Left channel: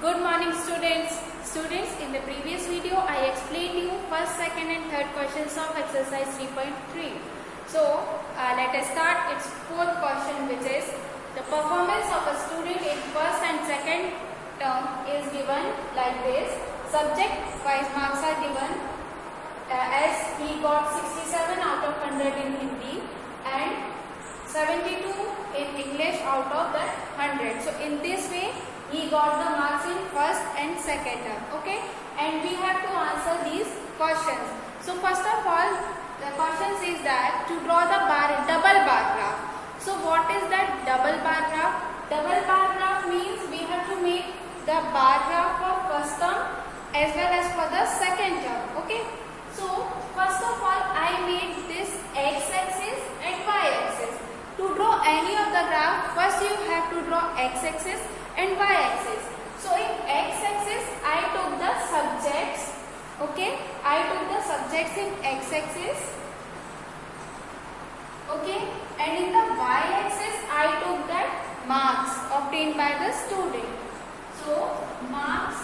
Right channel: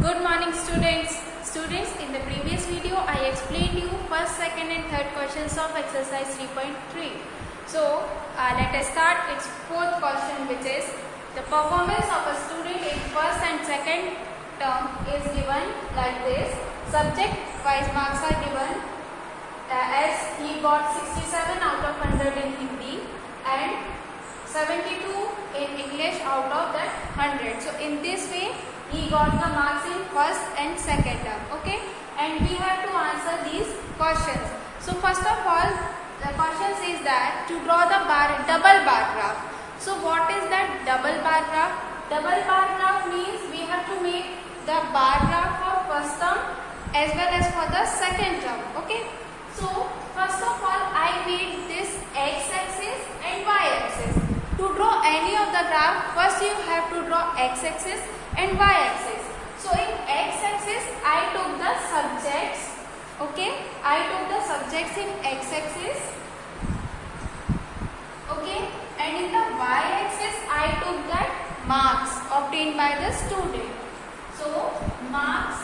Good morning students. Students, in the previous video I explained you first, second and third questions of exercise 3.3. So let us start its fourth question, which is the performance of a student in first and second term is given like this. Subject wise marks are given as he got 67 out of 100 in Hindi and 72 in English out of that 100. So in this way he got the marks in first and second term. Okay, and we have to answer these questions. So first of all, the question says that to draw the double bar graph. So what is that double bar graph? Double bar graph means we have to make the bar graph for first term as well as for the second term. Okay, so first of all I made this x-axis and y-axis. To draw any of the graph, first you have to draw x-axis and y-axis. So in x-axis I took the subjects. Okay, I took the subjects in x-axis. Okay, and in the y-axis I took that marks obtained by the student. So marks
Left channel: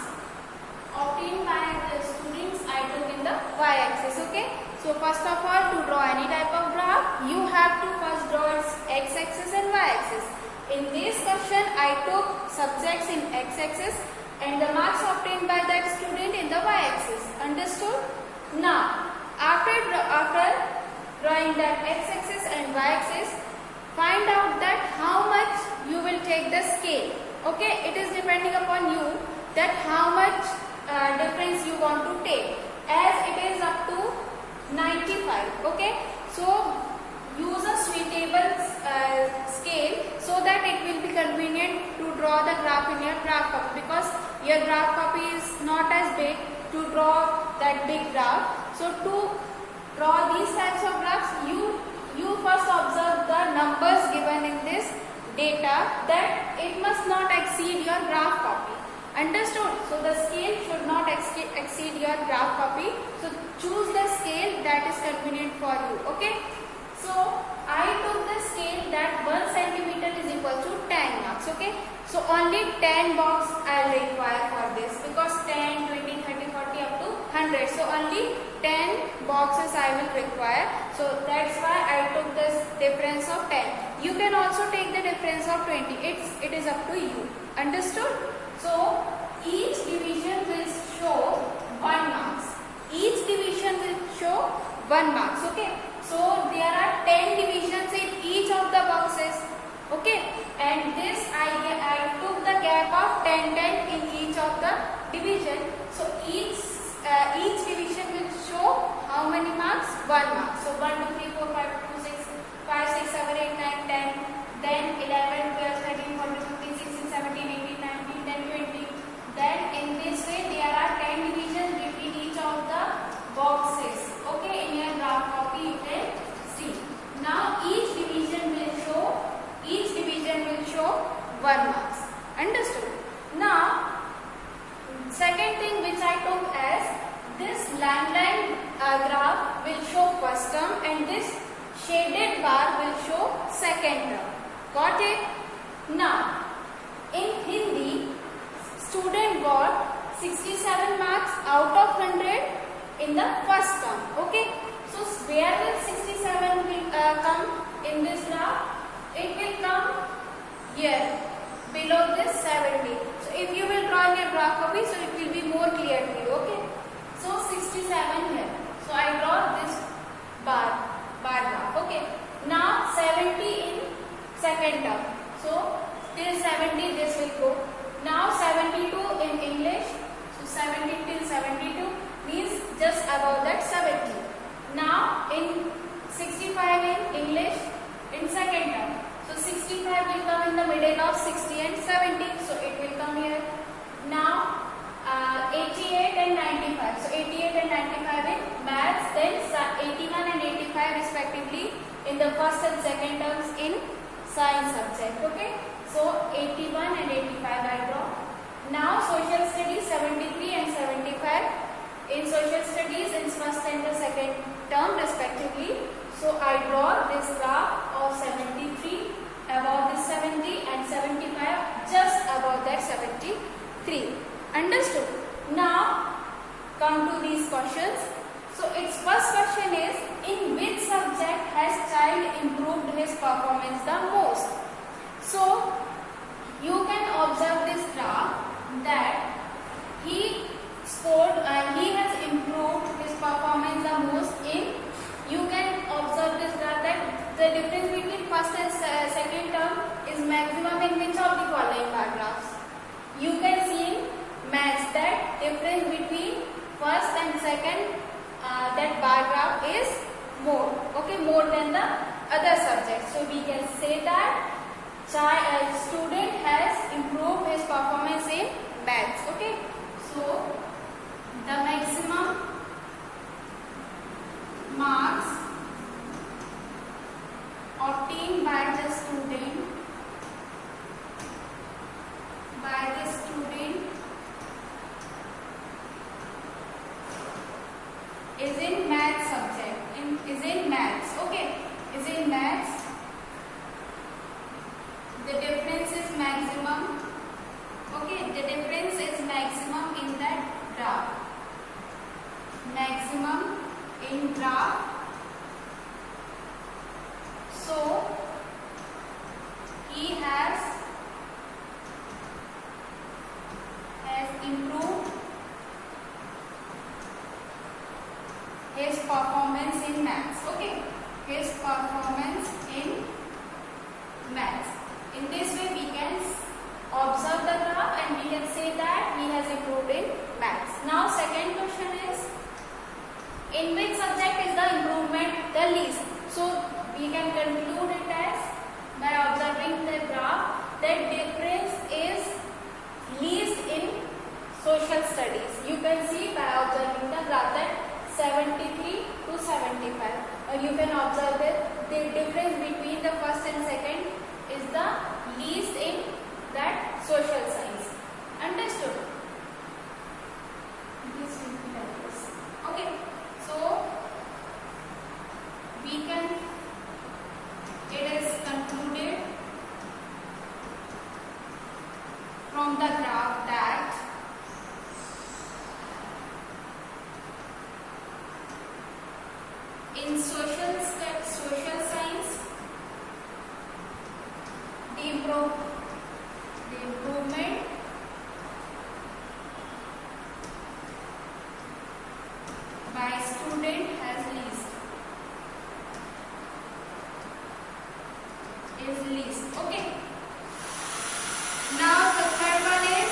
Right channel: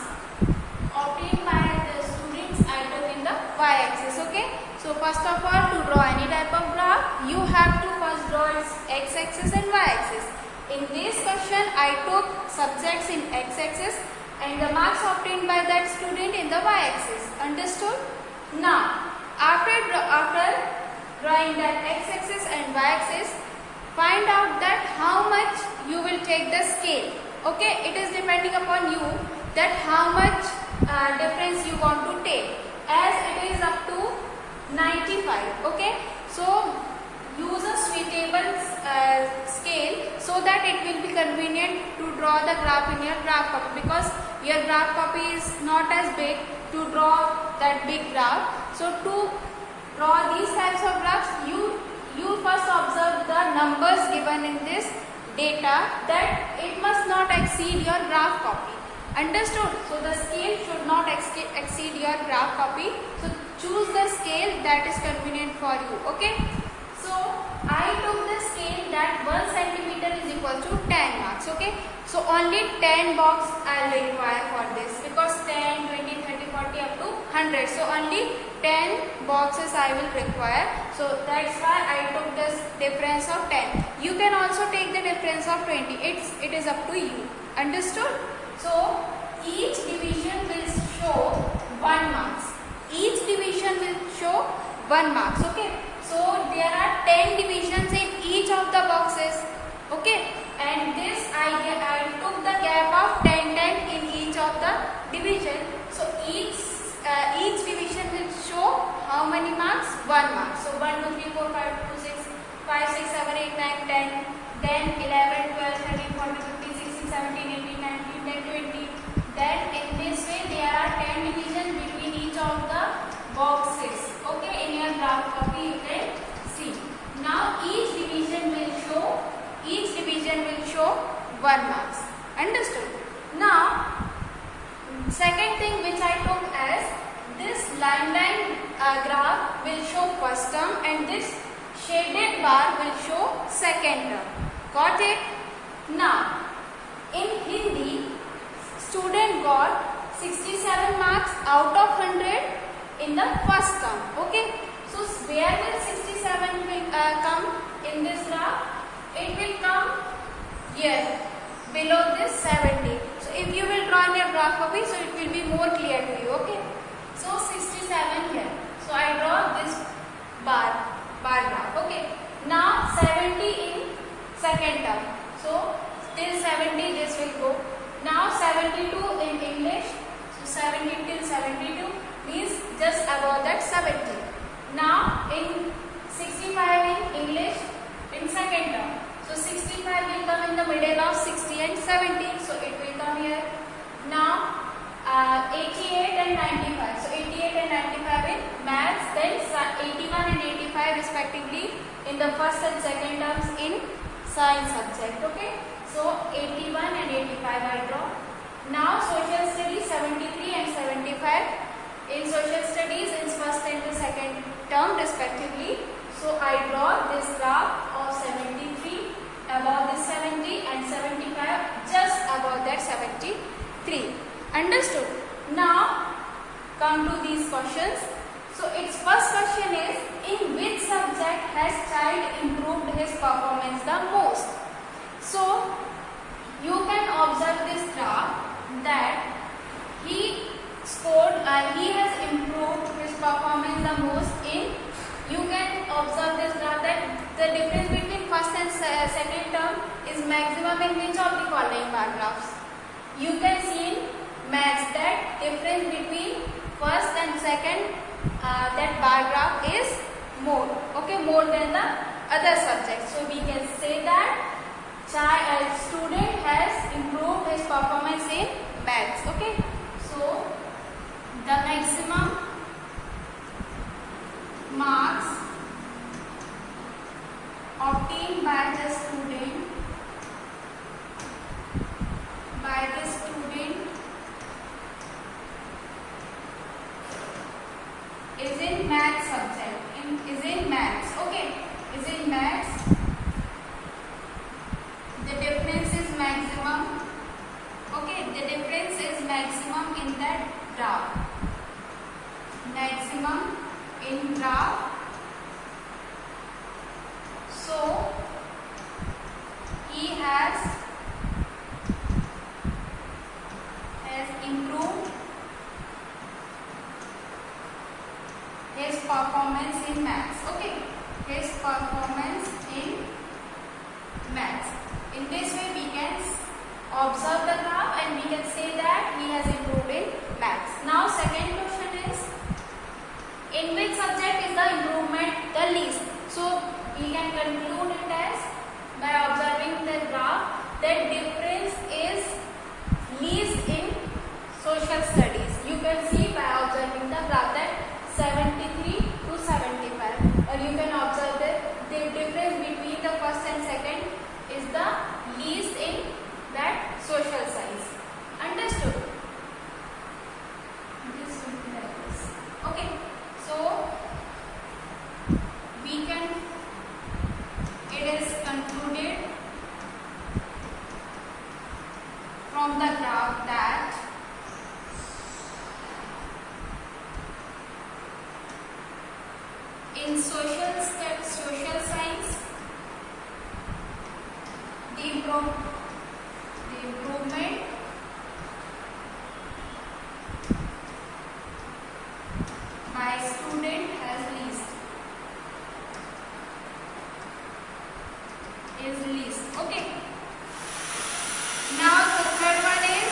obtained by the students I took in the y-axis. Okay, so first of all, to draw any type of graph, you have to first draw its x-axis and y-axis. In this question, I took subjects in x-axis and the marks obtained by that student in the y-axis. Understood? Now, after drawing that x-axis and y-axis, find out that how much you will take the scale. Okay, it is depending upon you that how much difference you want to take, as it is up to 95. Okay, so use a suitable scale so that it will be convenient to draw the graph in your graph copy, because your graph copy is not as big to draw that big graph. So to draw these types of graphs, you first observe the numbers given in this data, that it must not exceed your graph copy. Understood? So the scale should not exceed your graph copy. So choose the scale that is convenient for you. Okay, so I took the scale that 1 centimeter is equal to 10 marks. Okay, so only 10 box I will require for this, because 10, 20, 30, 40 up to 100. So only 10 boxes I will require. So that's why I took this difference of 10. You can also take the difference of 20. It is up to you. Understood? So each division will show 1 marks. Each division will show 1 marks. Okay, so there are 10 divisions in each of the boxes. Okay, and this I took the gap of 10 in each of the division. So each division will show how many marks? 1 mark. So 1, 2, 3, 4, 5, 6, 5, 6, 7, 8, 9, 10. Then 11, 12, 13, 14, 15, 16, 17, 18, 19, 10, 20. Then in this way there are 10 divisions between each of the boxes. Okay, in your graph copy you can see. Now each division will show 1 marks. Understood? Now second thing which I took as this line graph will show first term and this shaded bar will show second term. Got it? Now in Hindi, student got 67 marks out of 100 in the first term. Okay, so where will 67 come in this graph? It will come here below this 70. So if you will draw in your graph copy, so it will be more clear to you. Okay, so 67 here. So I draw this bar graph. Okay, now 70 in second term. So till 70 this will go. Now 72 in English. So 70 till 72 means just above that 70. Now in 65 in English in second term. So 65 will come in the middle of 60 and 70. So it will come here. Now 88 and 95. So 88 and 95 in maths. Then 81 and 85 respectively in the first and second terms in science subject. Okay, so 81 and 85 I draw. Now social studies 73 and 75 in social studies in first and the second term respectively. So I draw this graph of 73 above this 70 and 75 just above that 70. 3. Understood? Now come to these questions. So its first question is, in which subject has child improved his performance the most? So you can observe this graph that he has improved his performance the most in, you can observe this graph that the difference between first and second term is maximum in which of the following bar graphs? You can see in maths that difference between first and second that bar graph is more, okay, more than the other subjects. So we can say that student has improved his performance in maths, okay. So the maximum marks obtained by the student is in maths subject, is in maths, okay, is in maths. The difference is maximum, okay, the difference is maximum in that graph, maximum in graph. So he has improved his performance in maths, okay, his performance in maths. In this way we can observe the graph and we can say that he has improved in maths. Now second question is, in which subject is the improvement the least? So we can conclude it as, by observing the graph, that difference is least in social studies. You can see by observing the graph that 73 to 75. Or you can observe that the difference between the first and second is the least in that social science. Understood? This will be like this. Okay. So we can, it is concluded from the graph that in social science, the improvement by student has least, is least, okay. Now the third one is,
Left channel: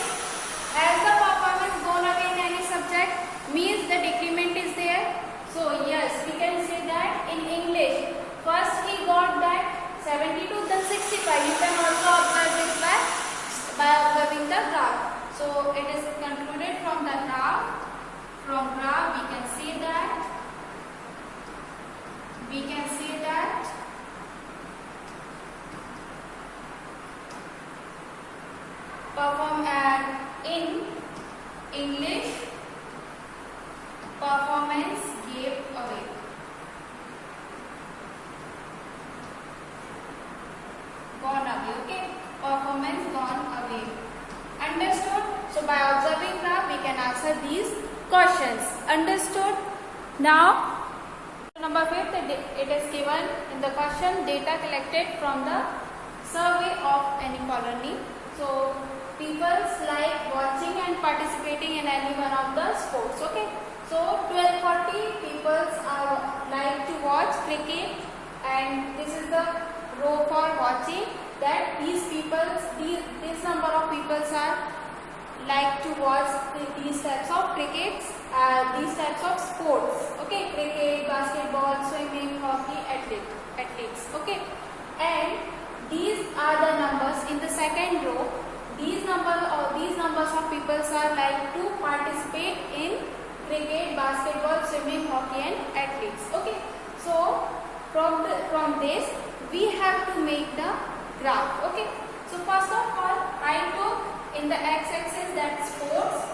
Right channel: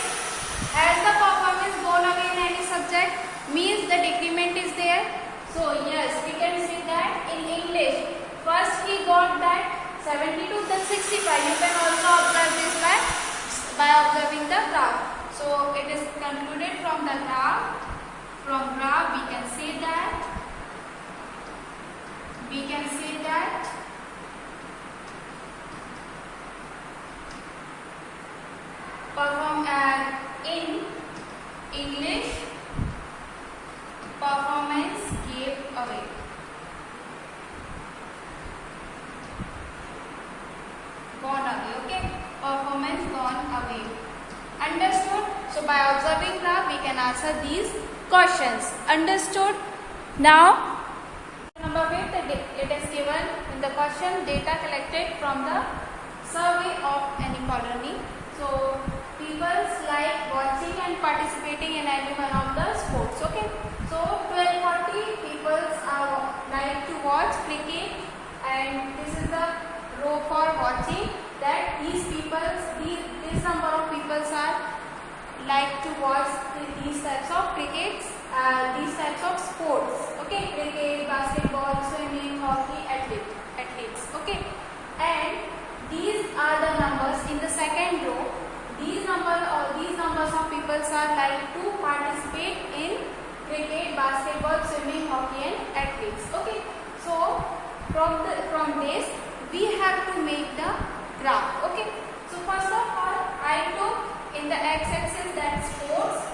has the performance gone away in any subject? Means the decrement is there. So yes, we can say that in English, first he got that 72, then 65. You can also observe this by observing the graph. So it is concluded from the graph. From graph we can say that in English performance gave away. Gone away, okay? Performance gone away. Understood? So by observing graph we can answer these questions. Understood? Now number 5, it is given in the question, data collected from the survey of any colony. So people like watching and participating in any one of the sports, okay? So 1240 people like to watch cricket, and this is the row for watching, that these this number of people are like to watch these types of crickets, these types of sports, okay? Cricket, basketball, swimming, hockey, athletes, okay? And these are the numbers in the second row. These numbers of people are like to participate in cricket, basketball, swimming, hockey, and athletes, okay? So from this we have to make the graph, okay? So first of all, I took in the x-axis that sports,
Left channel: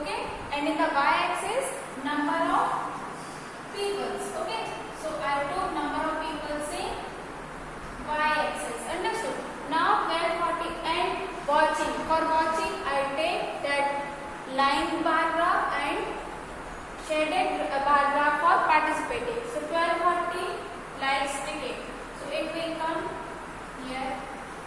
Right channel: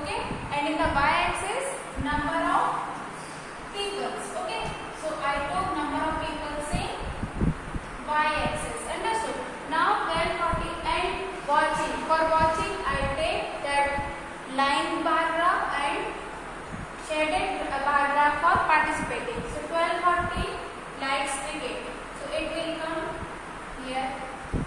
okay, and in the y-axis number of peoples, okay? So I took number of peoples in y-axis. Understood? Now 1240 and watching. For watching I take that shaded bar graph for participating. So 1240 likes cricket. So it will come here.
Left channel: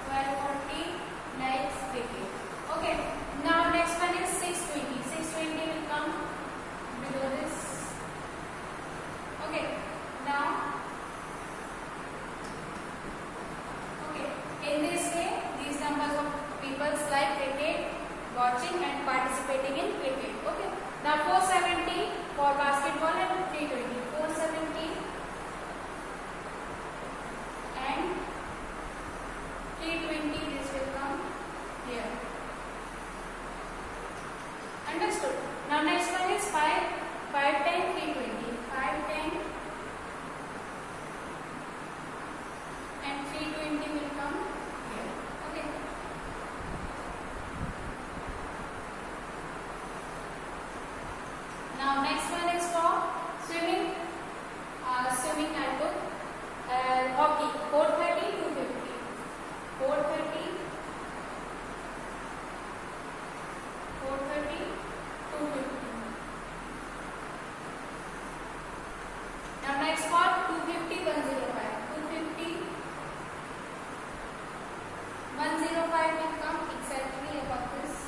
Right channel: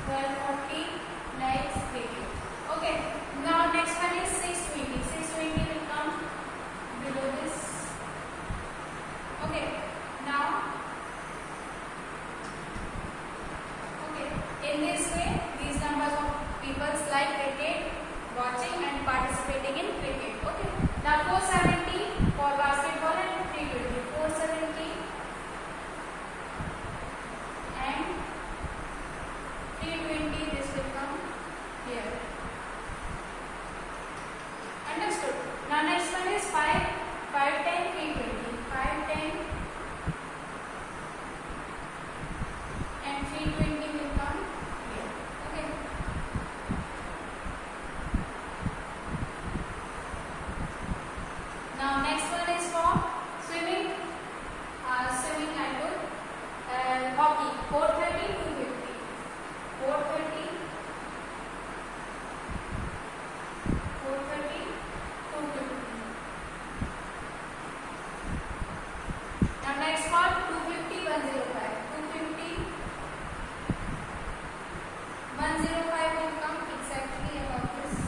1240 likes cricket. Okay. Now next one is 620. 620 will come below this. Okay. Now, okay. In this way, these numbers of people like cricket, watching and participating in cricket. Okay. Now 470 for basketball and 320. 470 and 320. This will come here. Understood. Now next one is 5, 510, 320. 510 and 320 will come here. Okay. Now next one is for swimming. Swimming I put hockey. 430, 250. 430, 430, 250. Now next one 250, 105. 250, 105 will come exactly about this.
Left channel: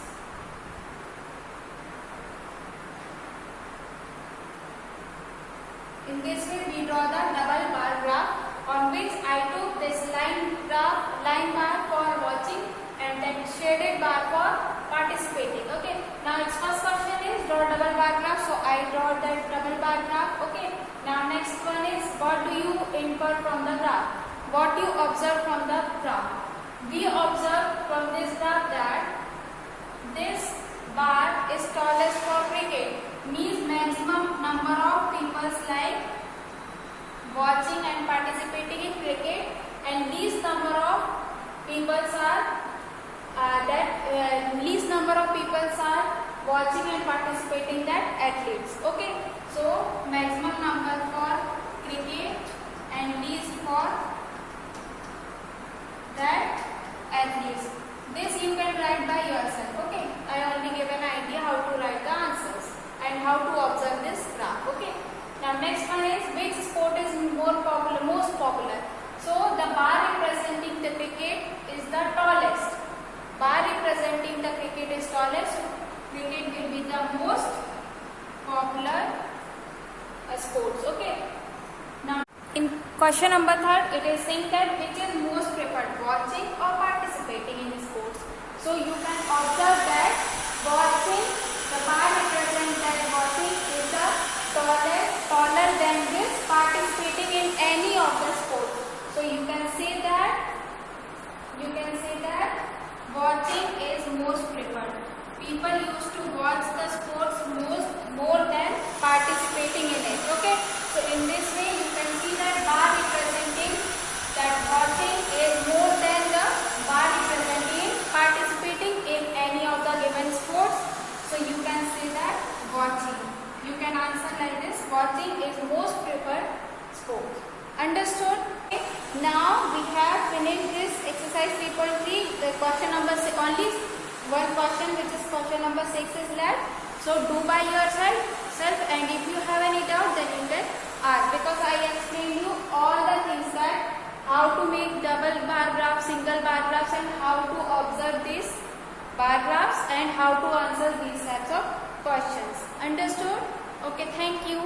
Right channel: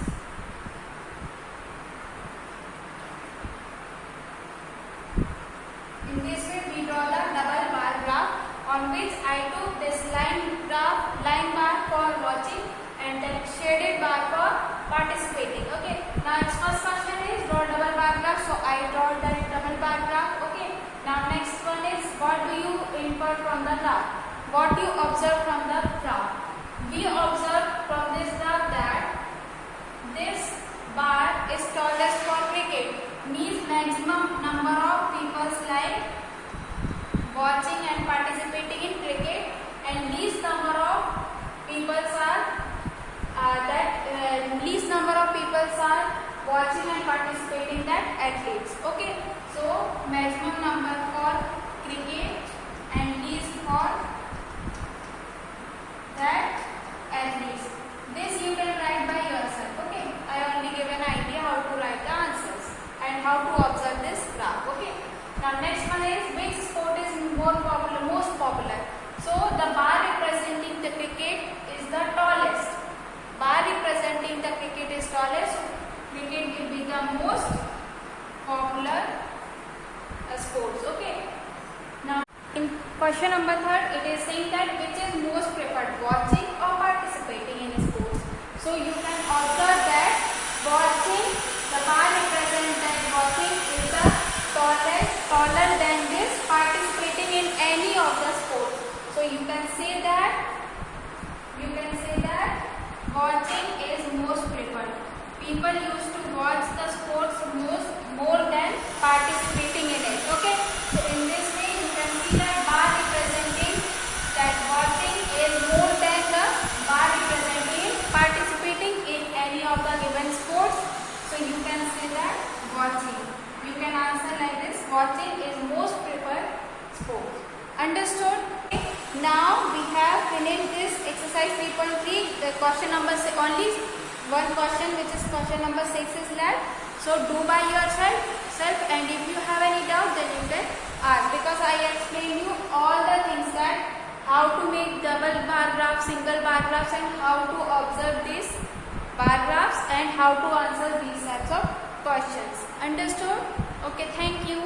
In this way, we draw the double bar graph on which I took this line bar for watching and that shaded bar for participating. Okay. Now its first question is draw double bar graph. So I draw that double bar graph. Okay. Now next one is what do you infer from the graph? What do you observe from the graph? We observe from this graph that this bar is tallest for cricket. Means maximum number of people like watching and participating in cricket, and least number of people are least number of people are watching and participating that athletes. Okay, so maximum number for cricket and least for that athletes. This you can write by yourself. Okay, I only give an idea how to write the answers and how to observe this graph. Okay. Now next one is which sport is most popular. So the bar representing the cricket is the tallest. Bar representing the cricket is tallest. So cricket will be the most popular sports. Okay. Now in question number 3, it is saying that which is most preferred, watching or participating in sports. So you can observe that watching, the bar represents that watching is the taller than this participating in any of the sports. So you can say that watching is most preferred. People used to watch the sports more than participating in it. Okay. So in this way you can see that bar representing that watching is more than the bar representing participating in any of the given sports. So you can say that watching. You can answer like this: watching is most preferred sport. Understood? Okay. Now we have finished this exercise 3.3. The question number only one question, which is question number 6, is left. So do by yourself, and if you have any doubt, then you can ask, because I explained you all the things that how to make double bar graphs, single bar graphs, and how to observe these bar graphs and how to answer these types of questions. Understood? Okay, thank you.